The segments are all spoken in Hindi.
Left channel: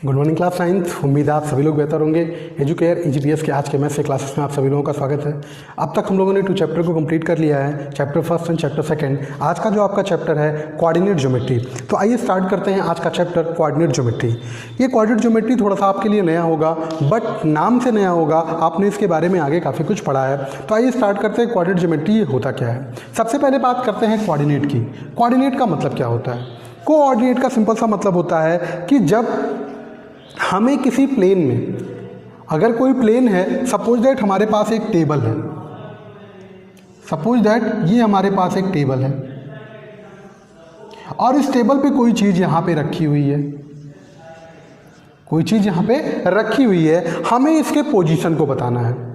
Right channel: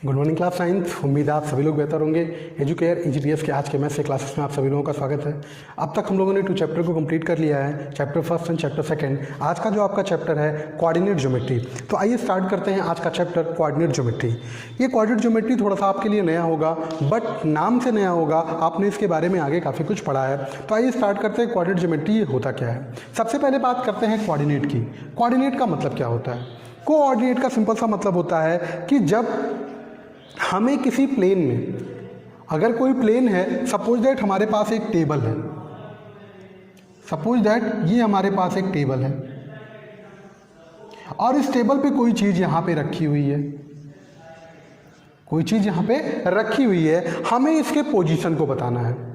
Good morning class science. उम्मीद है आप सभी लोग बेहतर होंगे। एजुकेयर EGTS के आज के मैथ्स के क्लासेस में आप सभी लोगों का स्वागत है। अब तक हम लोगों ने 2 चैप्टर को कंप्लीट कर लिया है, chapter first and chapter second. आज का जो आपका चैप्टर है कोऑर्डिनेट ज्योमेट्री। तो आइए स्टार्ट करते हैं आज का चैप्टर कोऑर्डिनेट ज्योमेट्री। ये कोऑर्डिनेट ज्योमेट्री थोड़ा सा आपके लिए नया होगा, बट नाम से नया होगा, आपने इसके बारे में आगे काफ़ी कुछ पढ़ा है। तो आइए स्टार्ट करते हैं कोऑर्डिनेट ज्योमेट्री ये होता क्या है। सबसे पहले बात करते हैं कोऑर्डिनेट की। कोऑर्डिनेट का मतलब क्या होता है? कोऑर्डिनेट का सिंपल सा मतलब होता है कि जब हमें किसी प्लेन में, अगर कोई प्लेन है, सपोज दैट हमारे पास एक टेबल है, सपोज दैट ये हमारे पास एक टेबल है और इस टेबल पे कोई चीज़ यहाँ पे रखी हुई है, कोई चीज़ यहाँ पे रखी हुई है, हमें इसके पोजीशन को बताना है।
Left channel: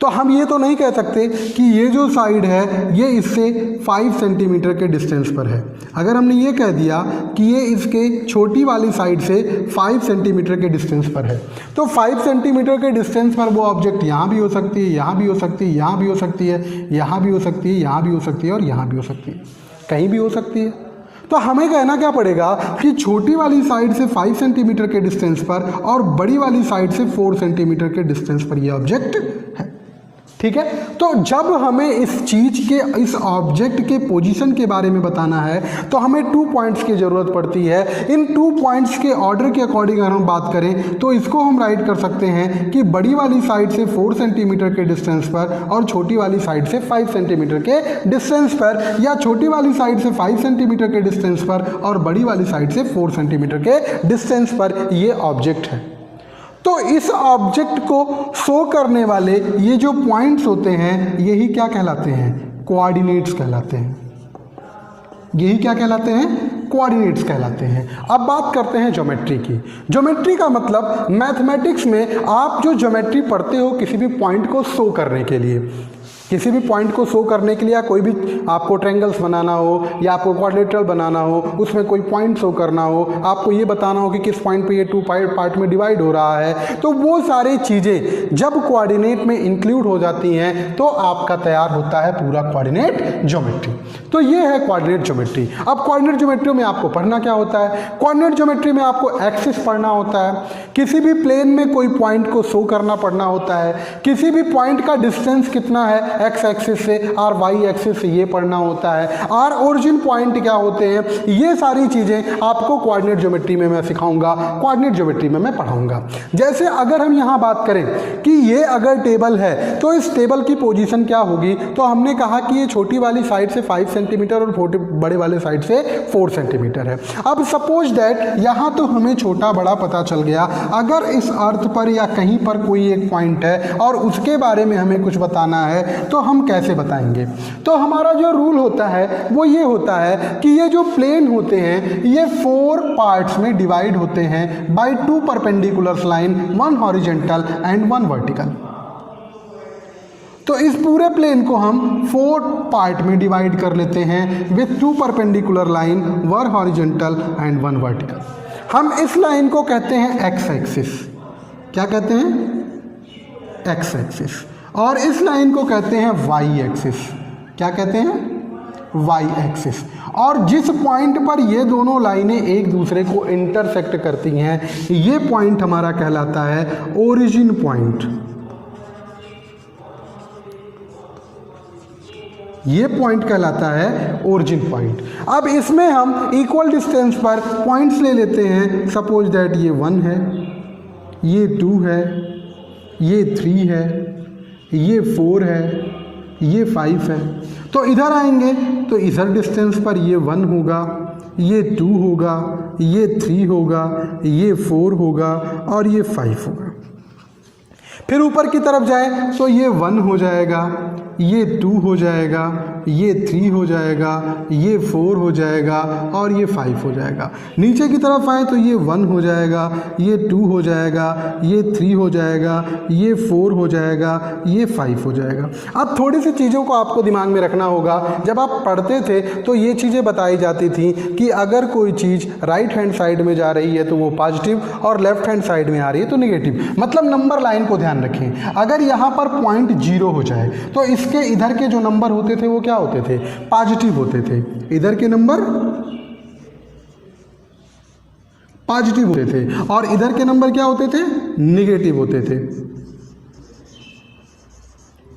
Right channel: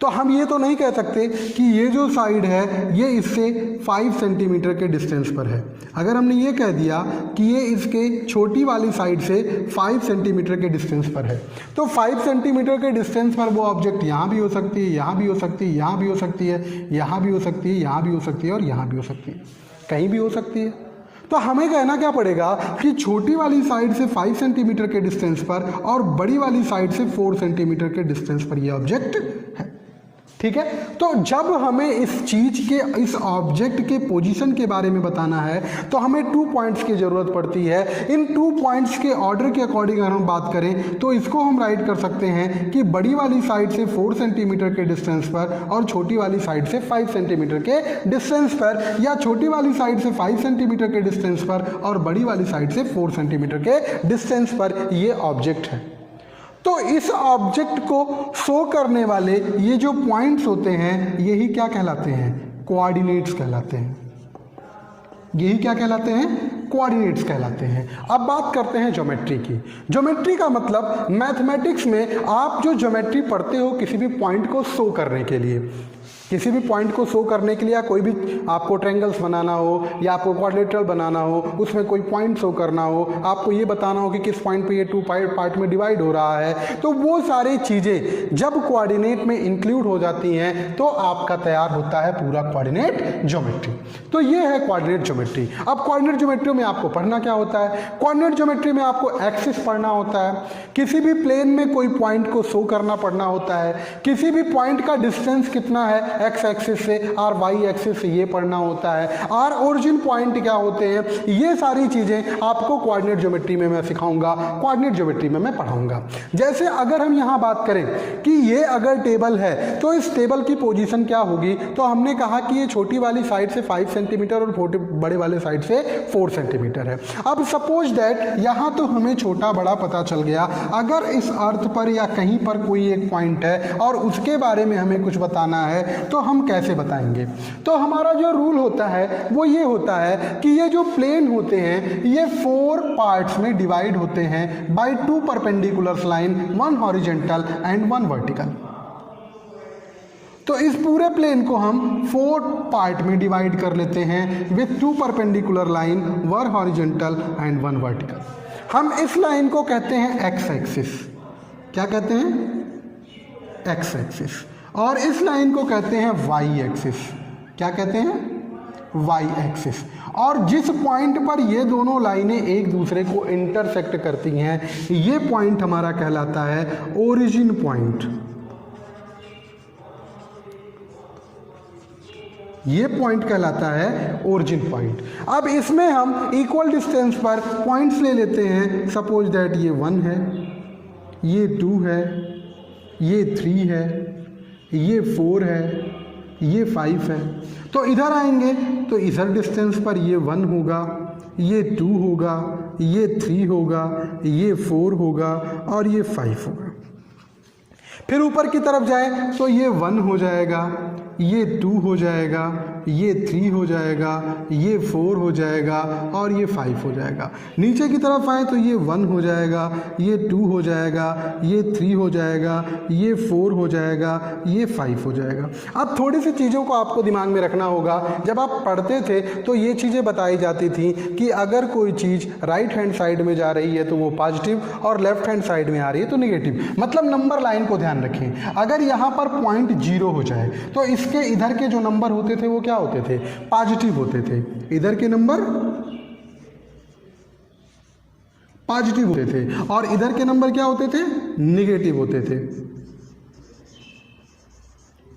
तो हम ये तो नहीं कह सकते कि ये जो साइड है ये इससे 5 सेंटीमीटर के डिस्टेंस पर है। अगर हमने ये कह दिया कि ये इसके छोटी वाली साइड से 5 सेंटीमीटर के डिस्टेंस पर है, तो 5 सेंटीमीटर के डिस्टेंस पर वो ऑब्जेक्ट यहाँ भी हो सकती है, यहाँ भी हो सकती है, यहाँ भी हो सकती है, यहाँ भी हो सकती है, यहाँ भी हो सकती है और यहाँ भी हो सकती है, कहीं भी हो सकती है। तो हमें कहना क्या पड़ेगा कि छोटी वाली साइड से 5 सेंटीमीटर के डिस्टेंस पर और बड़ी वाली साइड से 4 सेंटीमीटर के डिस्टेंस पर ये ऑब्जेक्ट है। ठीक है, तो जब हमें इस चीज के, इस ऑब्जेक्ट के पोजीशन के बारे में बताना है तो हमें 2 पॉइंट्स की जरूरत पड़ती है। इन 2 पॉइंट्स के ऑर्डर के अकॉर्डिंग अगर हम बात करें तो इसको हम राइट कर सकते हैं कि बड़ी वाली साइड से 4 सेंटीमीटर के डिस्टेंस पर और छोटी वाली साइड से 5 सेंटीमीटर के डिस्टेंस पर, या छोटी वाली साइड से 5 सेंटीमीटर के डिस्टेंस पर और बड़ी वाली साइड से 4 सेंटीमीटर के डिस्टेंस पर ये ऑब्जेक्ट है। तो इस ऑब्जेक्ट को शो करने वाले ये जो पॉइंट्स होते हैं यही क्या कहलाते हैं? कोऑर्डिनेट्स कहलाते हैं। यही क्या कहलाते हैं? कोऑर्डिनेट्स कहलाते हैं। अब बात करते हैं ज्योमेट्री की। ज्योमेट्री का मतलब मैथमेटिक्स में आप जो ज्योमेट्री पढ़ते हो किसी भी पॉइंट को शो करने के लिए, किसी भी पॉइंट को शो करने के लिए, या कोई भी आपको ट्रायंगल्स बनाना हो या आपको क्वाड्रिलेटरल बनाना हो, उसमें कोई पॉइंट शो करना हो, आपको ये बताना हो कि किस पॉइंट पे ये 2 पार्ट में डिवाइड हो रहा है, तो वो सारी चीज़ें जब कोऑर्डिनेट में इंक्लूड हो जाती हैं तो आपका तैयार होता है पूरा कोऑर्डिनेट ज्योमेट्री। तो ये है कोऑर्डिनेट ज्योमेट्री। अब कोऑर्डिनेट ज्योमेट्री में आपको पढ़ना क्या होता है? कोऑर्डिनेट ज्योमेट्री में आपको एक्सिस पढ़ना होता है, किसी भी प्लेन में कोई पॉइंट को शो करना पढ़ना होता है, किसी भी पॉइंट का डिस्टेंस कितना है एक्स एक्सिस से और वाई एक्सिस से ये पढ़ना होता है, और ओरिजिन पॉइंट क्या होते हैं, ये सारी चीज़ें आपको कोऑर्डिनेट ज्योमेट्री में मैं सिखाऊंगा, कोऑर्डिनेट ज्योमेट्री में मैं पढ़ाऊंगा। जैसे अगर हम यहाँ बात करें कि ये अगर टेबल है तो इस टेबल की पोजीशन क्या होगी, तो हमने कहा कि ये छोटी वाली साइड से 5 सेंटीमीटर और बड़े वाले साइड से 4 सेंटीमीटर है। अब सपोज दैट यहाँ तो हमें छोटा बड़ा पता चल गया, अगर इस अर्थ पर या कहीं पर कोई एक पॉइंट है और उसके बारे में हमें कुछ बताना है तो हम कैसे बताएंगे? तो हमारा जो रूल होता है वो ये होता है कि ये जो प्लेन होते हैं ये 4 पार्ट्स में डिवाइड होते हैं by 2 perpendicular line, 1 horizontal and 1 vertical. तो इस पूरे प्लेन को हम 4 पार्ट में डिवाइड कर लेते हैं with 2 perpendicular line, 1 horizontal and 1 vertical. हम इस लाइन को कहते हैं एक्स एक्सिस। क्या कहते हैं? X axis. और इस लाइन को कहते हैं वाई एक्सिस। क्या कहते हैं? Y axis. और जिस पॉइंट पर ये दोनों लाइनें एक दूसरे को इंटरसेक्ट करती हैं ये पॉइंट हमारा कहलाता है ओरिजिन पॉइंट। ये पॉइंट कहलाता है ओरिजिन पॉइंट। अब इसमें हम इक्वल डिस्टेंस पर पॉइंट्स ले लेते हैं। सपोज दैट ये 1 है, ये 2 है, ये 3 है, ये 4 है, ये 5 है। तो इधर आएंगे तो इधर डिस्टेंस पर ये 1 होगा, ये 2 होगा, ये 3 होगा, ये 4 होगा और ये 5 होगा। फिर ऊपर की तरफ जाए तो ये 1 हो जाएगा, ये 2 हो जाएगा, ये 3 हो जाएगा, ये 4 हो जाएगा और ये 5 हो जाएगा। नीचे की तरफ आए तो ये 1 हो जाएगा, ये 2 हो जाएगा, ये 3 हो जाएगा, ये 4 हो जाएगा, ये 5 हो जाएगा। अब थोड़ी सी चीज़ों को आपको दिमाग में रखना होगा। जब आप पढ़ते थे तो ये चीज़ें बताई जाती थी कि अगर कोई चीज़ राइट हैंड साइड में जा रही है तो वो पॉजिटिव और लेफ्ट हैंड साइड में आ रही है तो निगेटिव। मतलब नंबर लाइन को ध्यान रखें। अगर यहाँ पर पॉइंट 0 हो जाए तो इसके इधर के जो नंबर होते थे वो क्या होते थे? पॉजिटिव होते थे। इधर के नंबर पॉजिटिव होते थे और इधर के नंबर क्या होते थे, निगेटिव होते थे,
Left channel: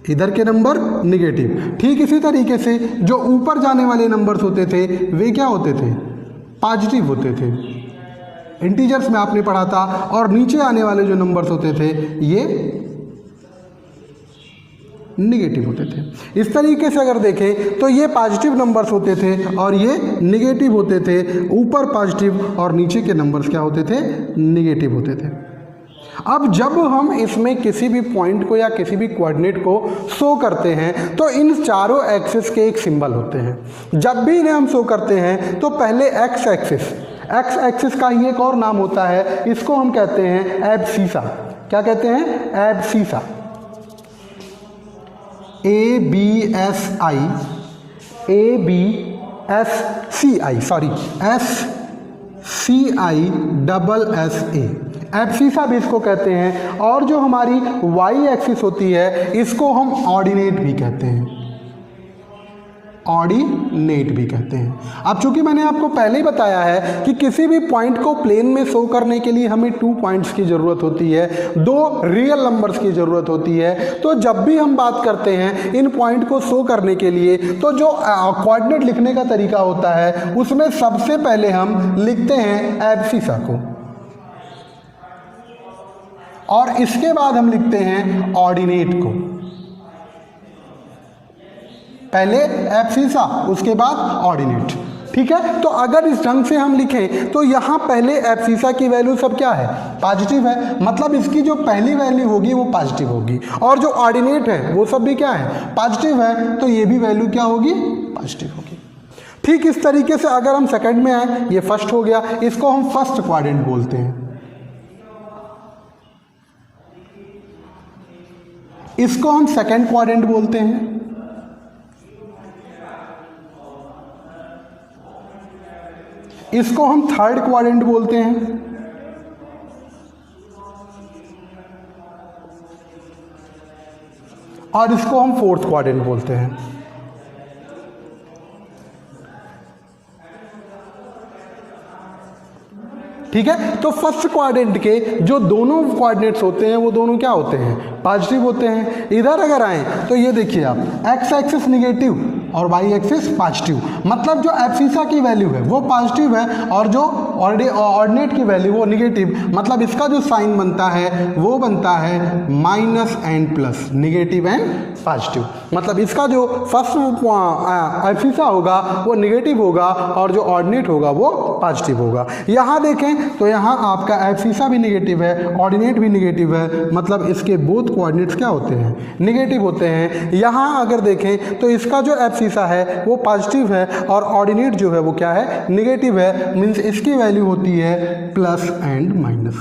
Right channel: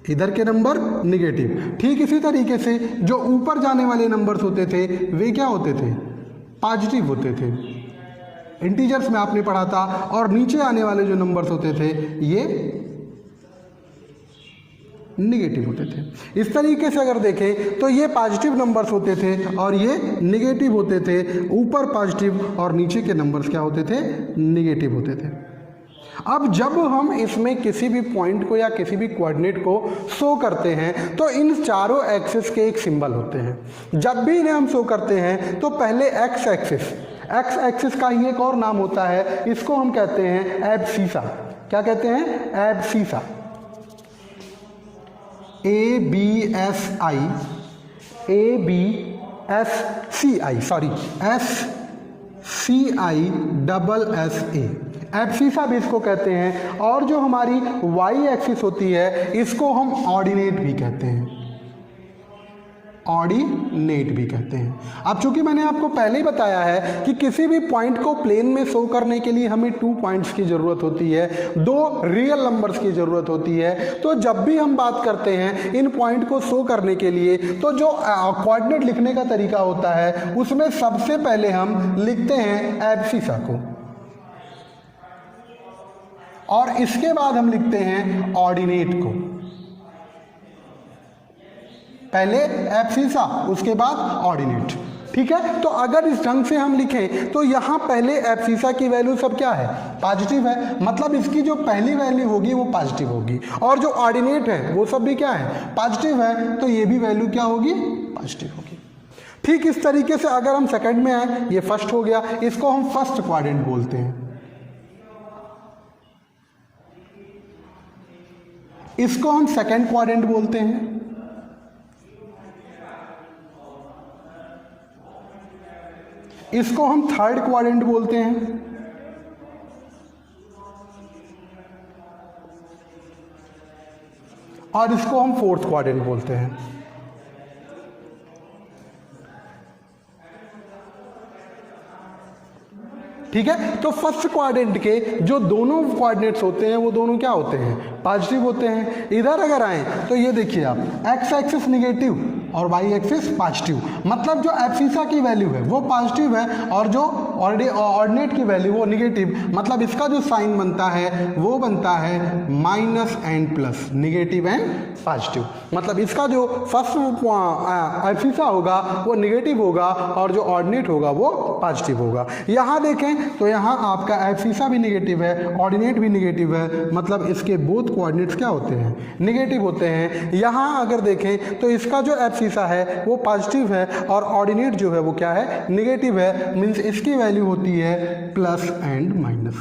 इधर के नंबर निगेटिव। ठीक इसी तरीके से जो ऊपर जाने वाले नंबर्स होते थे वे क्या होते थे, पॉजिटिव होते थे, इंटीजर्स में आपने पढ़ा था, और नीचे आने वाले जो नंबर्स होते थे ये निगेटिव होते थे। इस तरीके से अगर देखें तो ये पॉजिटिव नंबर्स होते थे और ये निगेटिव होते थे, ऊपर पॉजिटिव और नीचे के नंबर्स क्या होते थे, निगेटिव होते थे। अब जब हम इसमें किसी भी पॉइंट को या किसी भी कोऑर्डिनेट को शो करते हैं तो इन चारों एक्सिस के एक सिंबल होते हैं। जब भी इन्हें हम शो करते हैं तो पहले एक्स एक्सिस का ही एक और नाम होता है, इसको हम कहते हैं एब्सीसा। क्या कहते हैं, एब्सीसा, SCI एब्सीसा भी इसको कहते हैं। और जो हमारी वाई एक्सिस होती है इसको हम ऑर्डिनेट भी कहते हैं, ऑर्डिनेट भी कहते हैं। अब चूंकि मैंने आपको पहले ही बताया है कि किसी भी पॉइंट को प्लेन में शो करने के लिए हमें 2 पॉइंट्स की ज़रूरत होती है, 2 रियल नंबर्स की ज़रूरत होती है। तो जब भी हम बात करते हैं इन पॉइंट को शो करने के लिए तो जो कोऑर्डिनेट लिखने का तरीका होता है उसमें सबसे पहले हम लिखते हैं एब्सीसा को और इसके बाद हम लिखते हैं ऑर्डिनेट को। पहले एब्सीसा उसके बाद ऑर्डिनेट। ठीक है, तो अगर इस ढंग से हम लिखें तो यहां पहले एब्सीसा की वैल्यू सब क्या है, पॉजिटिव है, मतलब इसकी जो पहली वैल्यू होगी वो पॉजिटिव होगी, और जो ऑर्डिनेट है वो सब भी क्या है, पॉजिटिव है, तो ये भी वैल्यू क्या होगी, पॉजिटिव होगी। ठीक इस तरीके से अगर हम सेकंड में आए, ये फर्स्ट हो गया, इसको हम फर्स्ट क्वाड्रेंट बोलते हैं, इसको हम सेकंड क्वाड्रेंट बोलते हैं, इसको हम थर्ड क्वाड्रेंट बोलते हैं, और इसको हम फोर्थ क्वाड्रेंट बोलते हैं। ठीक है, तो फर्स्ट क्वाड्रेंट के जो दोनों कोऑर्डिनेट्स होते हैं वो दोनों क्या होते हैं, पॉजिटिव होते हैं। इधर अगर आए तो ये देखिए आप, एक्स एक्सिस निगेटिव और वाई एक्सिस पॉजिटिव, मतलब जो एब्सीसा की वैल्यू है वो पॉजिटिव है और जो ऑर्डिनेट की वैल्यू वो निगेटिव, मतलब इसका जो साइन बनता है वो बनता है minus and plus, negative and positive. मतलब इसका जो फर्स्ट एब्सीसा होगा वो निगेटिव होगा और जो ऑर्डिनेट होगा वो पॉजिटिव होगा। यहाँ देखें तो यहाँ आपका एब्सीसा भी निगेटिव है, ऑर्डिनेट भी निगेटिव है, मतलब इसके बोथ कोऑर्डिनेट्स क्या होते हैं, निगेटिव होते हैं। यहाँ अगर देखें तो इसका जो एब्सीसा है वो पॉजिटिव है और ऑर्डिनेट जो है वो क्या है, निगेटिव है, मीन्स इसकी वैल्यू होती है प्लस एंड माइनस।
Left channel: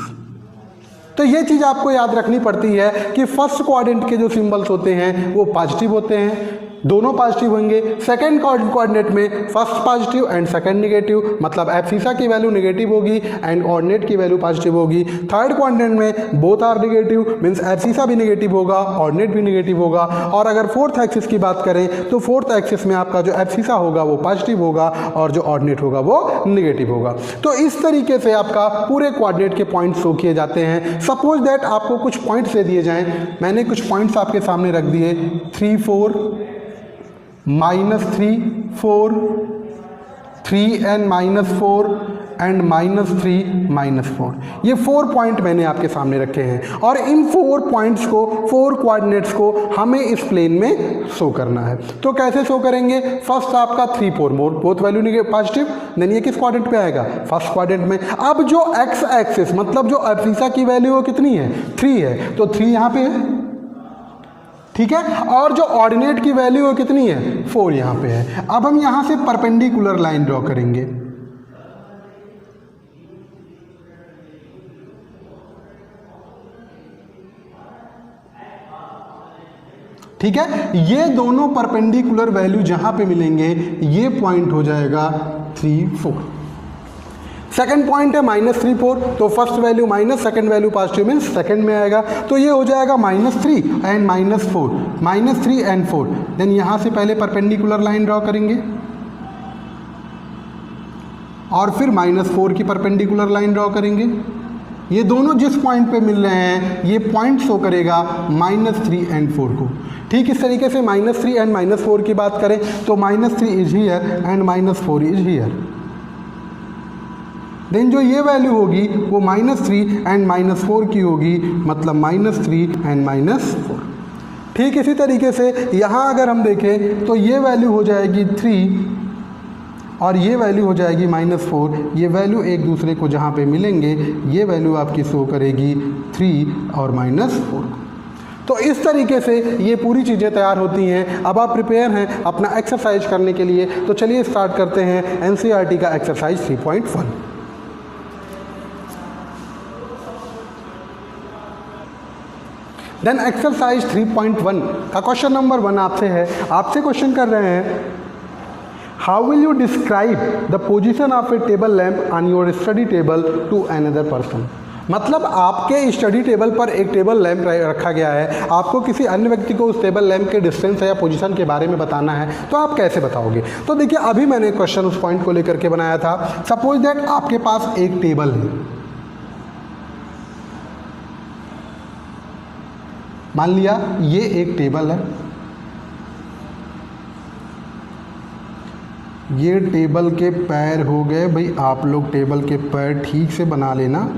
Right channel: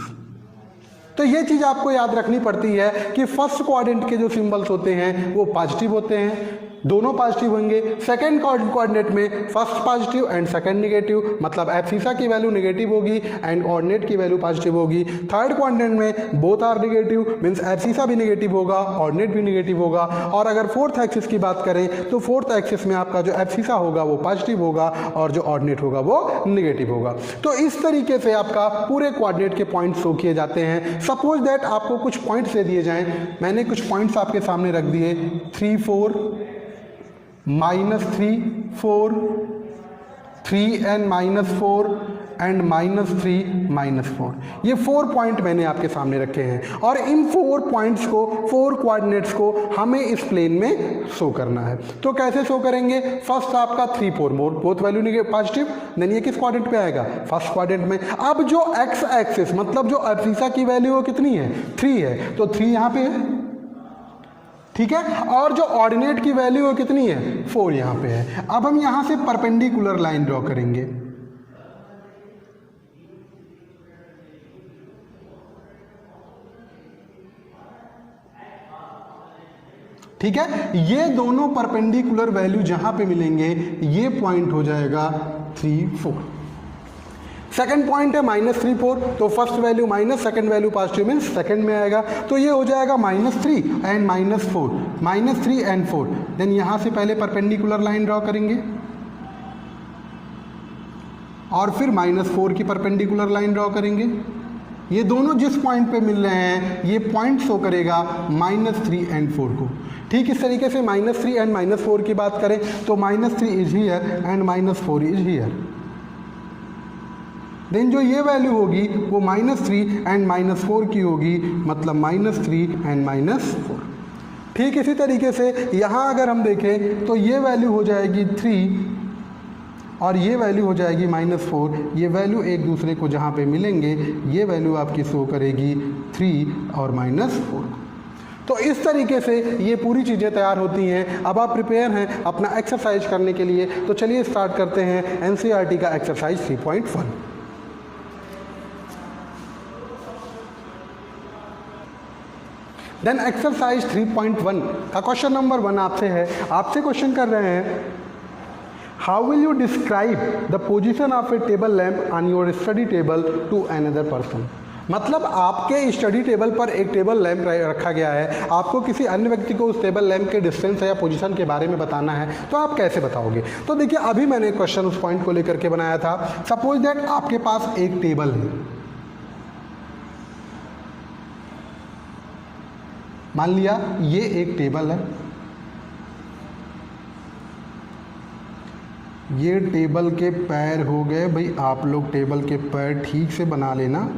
तो ये चीज़ आपको याद रखनी पड़ती है कि फर्स्ट क्वाड्रेंट के जो सिंबल्स होते हैं वो पॉजिटिव होते हैं, दोनों पॉजिटिव होंगे। सेकंड कोऑर्डिनेट में first positive and second negative, मतलब एब्सीसा की वैल्यू निगेटिव होगी एंड ऑर्डिनेट की वैल्यू पॉजिटिव होगी। थर्ड कोऑर्डिनेट में both are negative, means abscissa भी निगेटिव होगा, ऑर्डिनेट भी निगेटिव होगा। और अगर फोर्थ एक्सिस की बात करें तो फोर्थ एक्सिस में आपका जो एब्सीसा होगा वो पॉजिटिव होगा और जो ऑर्डिनेट होगा वो निगेटिव होगा। तो इस तरीके से आपका पूरे कोऑर्डिनेट के पॉइंट्स शो किए जाते हैं। सपोज दैट आपको कुछ पॉइंट्स दे दिए जाएं, मैंने कुछ पॉइंट्स आपके सामने रख दिए, 3 4 -3 4 3 and -4 एंड -3 -4, ये 4 पॉइंट मैंने आपके सामने रखे हैं और इन 4 पॉइंट्स को, 4 कोऑर्डिनेट्स को हमें इस प्लेन में शो करना है। तो कैसे शो करेंगे, फर्स्ट आपका 3 4 बोथ वैल्यू पॉजिटिव, देन ये किस क्वाड्रेंट पे आएगा, फर्स्ट क्वाड्रेंट में। अब जो एक्स एक्सिस मतलब जो एब्सीसा की वैल्यू वो कितनी है, 3 है, तो 3 यहाँ पे है, ठीक है, और जो ऑर्डिनेट की वैल्यू है कितनी है, 4 यहाँ पे है। अब हम यहाँ से परपेंडिकुलर लाइन ड्रॉ करेंगे, ठीक है, ये दोनों परपेंडिकुलर वैल्यू जहां पे मिलेंगे ये पॉइंट हो जाएगा 3 4। सेकंड पॉइंट है -3 4, तो first value minus, second value positive means second में आएगा, तो ये हो जाएगा -3 एंड -4, -3 एंड 4। देन यहां से पहले परपेंडिकुलर लाइन ड्रॉ करेंगे और फिर -4 की परपेंडिकुलर लाइन ड्रॉ करेंगे। ये दोनों जिस पॉइंट पे मिल रहे हैं ये पॉइंट शो करेगा -3 एंड 4 को। ठीक इस तरीके से -3 एंड -4 की बात करें तो -3 is here and -4 is here. Then जो ये वैल्यू होगी वो -3 एंड -4 की होगी, मतलब -3 एंड -4। ठीक इसी तरीके से यहाँ अगर हम देखें तो ये वैल्यू हो जाएगी 3 और ये वैल्यू हो जाएगी -4। ये वैल्यू एक दूसरे को जहाँ पे मिलेंगे ये वैल्यू आपकी शो करेगी 3 और -4। तो इस तरीके से ये पूरी चीज़ें तैयार होती हैं। अब आप प्रिपेयर हैं अपना एक्सरसाइज करने के लिए, तो चलिए स्टार्ट करते हैं एनसीईआरटी का एक्सरसाइज 3.1। देन एक्सरसाइज 3.1 का क्वेश्चन नंबर 1 आपसे है। आपसे क्वेश्चन कर रहे हैं, how will you describe the position of a table lamp on your study table to another person. मतलब आपके स्टडी टेबल पर एक टेबल लैंप रखा गया है, आपको किसी अन्य व्यक्ति को उस टेबल लैंप के डिस्टेंस या पोजीशन के बारे में बताना है, तो आप कैसे बताओगे। तो देखिए अभी मैंने क्वेश्चन उस पॉइंट को लेकर के बनाया था। सपोज दैट आपके पास एक टेबल है, मान लिया ये एक टेबल है, ये टेबल के पैर हो गए। भाई आप लोग टेबल के पैर ठीक से बना लेना,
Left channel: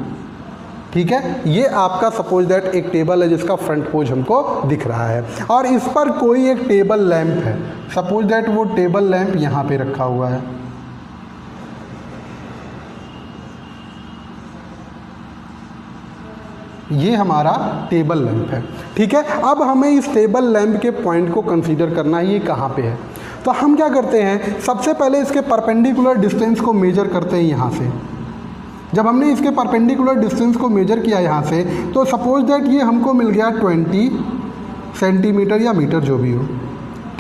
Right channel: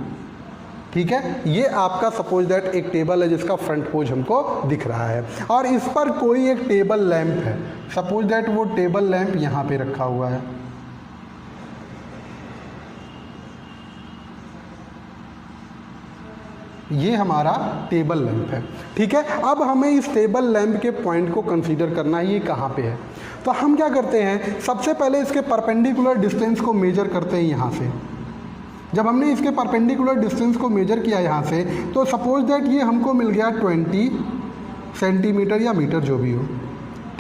ठीक है। ये आपका सपोज दैट एक टेबल है जिसका फ्रंट पोज हमको दिख रहा है और इस पर कोई एक टेबल लैंप है। सपोज दैट वो टेबल लैंप यहाँ पे रखा हुआ है। ये हमारा टेबल लैंप है, ठीक है। अब हमें इस टेबल लैंप के पॉइंट को कंसीडर करना है, ये कहाँ पे है। तो हम क्या करते हैं, सबसे पहले इसके परपेंडिकुलर डिस्टेंस को मेजर करते हैं यहाँ से। जब हमने इसके परपेंडिकुलर डिस्टेंस को मेजर किया यहाँ से, तो सपोज दैट ये हमको मिल गया 20 सेंटीमीटर या मीटर जो भी हो,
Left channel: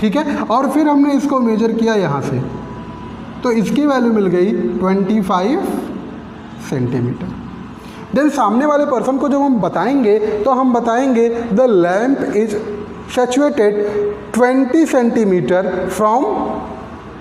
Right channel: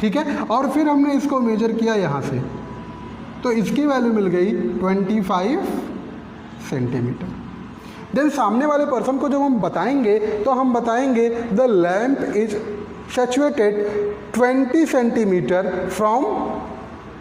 ठीक है। और फिर हमने इसको मेजर किया यहाँ से, तो इसकी वैल्यू मिल गई 25 सेंटीमीटर। देन सामने वाले पर्सन को जब हम बताएंगे तो हम बताएंगे the lamp is situated 20 centimetre from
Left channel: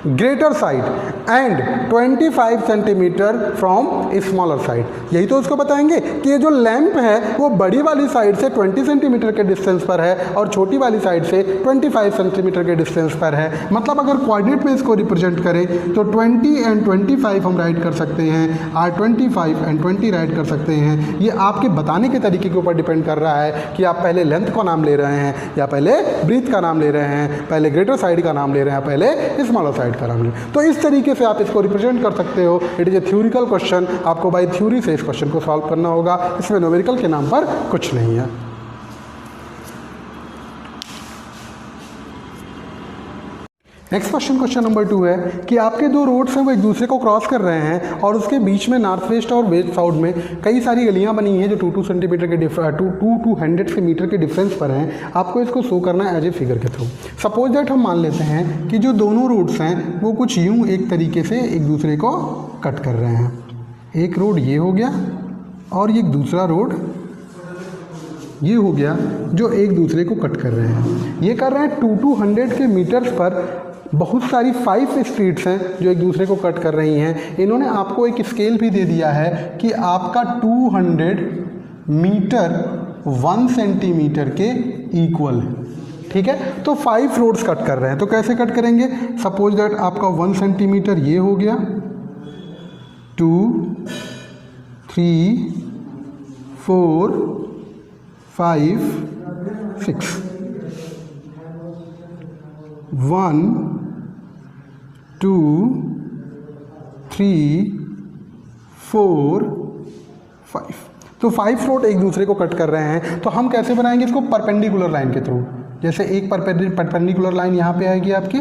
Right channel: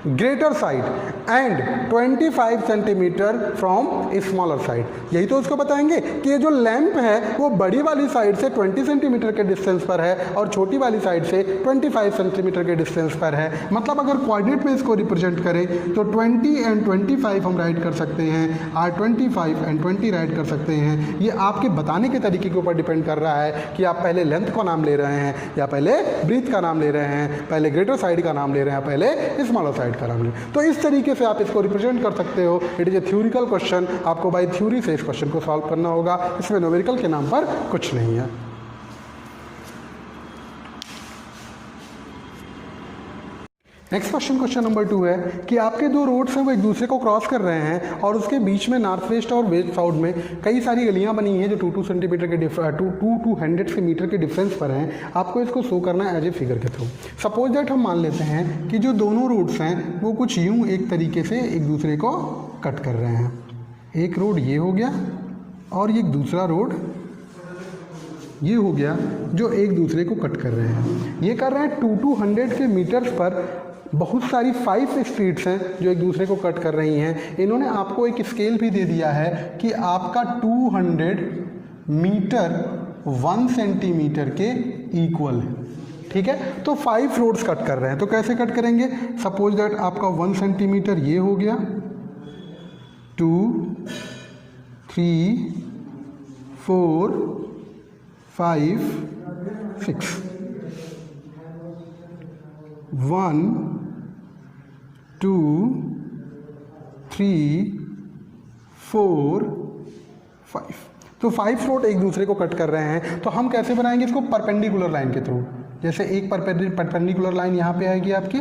greater side and 25 centimetre from smaller side. यही तो उसको बताएंगे कि ये जो लैंप है वो बड़ी वाली साइड से 20 सेंटीमीटर के डिस्टेंस पर है और छोटी वाली साइड से 25 सेंटीमीटर के डिस्टेंस पर है। मतलब अगर कोऑर्डिनेट में इसको रिप्रेजेंट करें तो 20 एंड 25 हम राइट कर सकते हैं और 25 एंड 20 राइट कर सकते हैं। ये आपके बताने के तरीके के ऊपर डिपेंड कर रहा है कि आप पहले लेंथ का नाम ले रहे हैं या पहले ब्रीथ का नाम ले रहे हैं, पहले ग्रेटर साइड का नाम ले रहे हैं, पहले स्मॉलर साइड का नाम ले। तो इस तरीके से आप इसको रिप्रेजेंट कर सकते हो। It is a theoretical question, आपको बाय थ्योरी से इस क्वेश्चन को सॉल्व करना होगा। इसमें न्यूमेरिकल के नाम पर कुछ नहीं है। नेक्स्ट क्वेश्चन, क्वेश्चन नंबर 2 है कि आपके दो रोड्स हैं वो एक दूसरे को क्रॉस कर रहे हैं और उसके बीच में नॉर्थ वेस्ट और वेस्ट साउथ में कई सारी गलियां बनी हैं जो 2 सेंटीमीटर के 200 मीटर के डिफरेंस पर हैं। आपको इसको शो करना है एज ए फिगर के थ्रू। सपोज दैट हम मान लेते हैं कि जो दोनों रोड्स हैं वो कुछ यूं एक तरीके से एक दूसरे को कट कर रहे हैं। एक रोड ये हो गया और ये दूसरा रोड ये हो गया जो एक दूसरे को कट कर रहे हैं। ये कर रहे हैं 200 के मीटर्स पर। बहुत सारी 5 स्ट्रीट्स हैं जो एक दूसरे को कट कर रही हैं। इन्होंने आपको एक स्केल भी दे दिया है कि आपका 200 मीटर 1 सेंटीमीटर के इक्वल है, ठीक है। तो 5 रोड्स कट कर रहे हैं, तो कैसे कट करेंगे। सपोज दैट आपका 1 सेंटीमीटर ये हो गया, 2 3 4 5 6 1 2 3 4 5। तो 5 रोड एक दूसरे को कट कर रहे हैं। तो हम कैसे बनाएंगे इसको, परपेंडिकुलर लाइन के थ्रू। जैसे एक परपेंडिकुलर लाइन यहाँ पे आएगी आपकी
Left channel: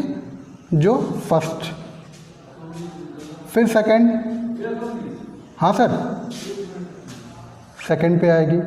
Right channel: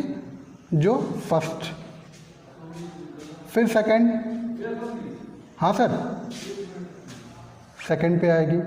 जो फर्स्ट, फिर सेकंड, हाँ सर, सेकंड पे आएगी,